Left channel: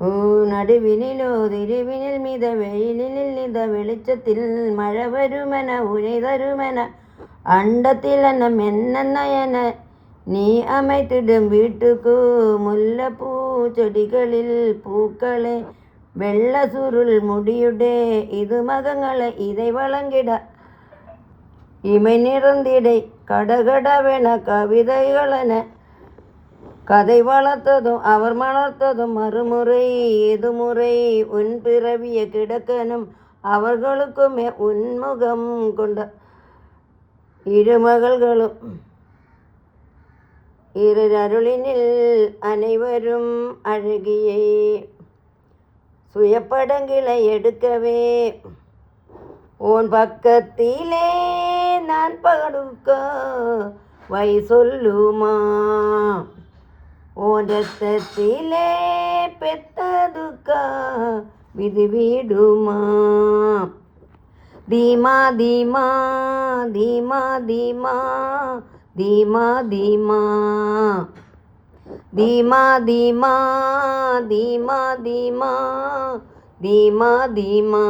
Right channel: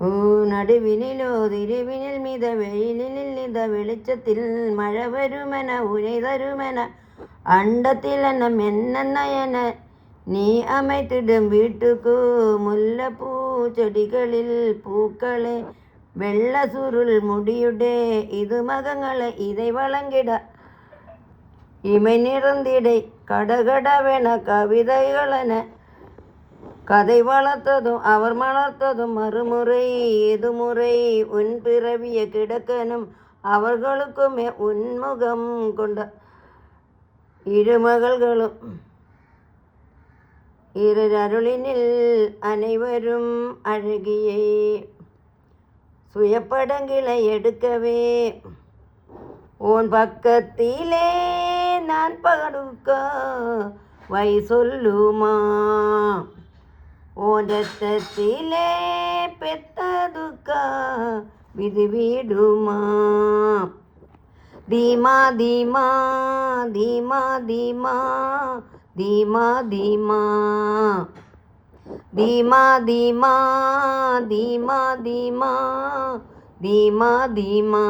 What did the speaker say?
നടുവിനിലോ തിരുവിനിൽ മിത വെയിലിൽ നിത വെളിച്ചത്തിൽ മഴ വരുമന ഉനൈതരുമന അണ്ടത്തിലന മെന്നയന നീ அமைத்திடும் வீட்டுக்கு മുല്ലപ്പൂ ചെടികളിൽ പൂക്കളെ വെള്ള സുരുൾ മുടിയുടെ ഇത് മകങ്ങളെ ഇதை வழங்கிட இமை நிறந்திடை கடகடவென கவிதைகளென கதை வளர்த்ததும் அவர் மலர்த்ததும் மறுமுறை எதுமுறை உன் பிறவிய கிடக்கணும் அவர்களுக்குமே உன்முகம் கொண்ட இருமகள்களும் இருளினில் அனைவரும் அழகியை சுயப்படங்களை எடுக்கவே உன் பக்கத்திலே நான் படுக்க வை சொல்லுமா உன் ரத்தத்திலே பெத்ததுக்கா விதி விடுமா தீமா தீமா தீமா தீமா தீமா தீமா தீமா தீமா தீமா தீமா தீமா தீமா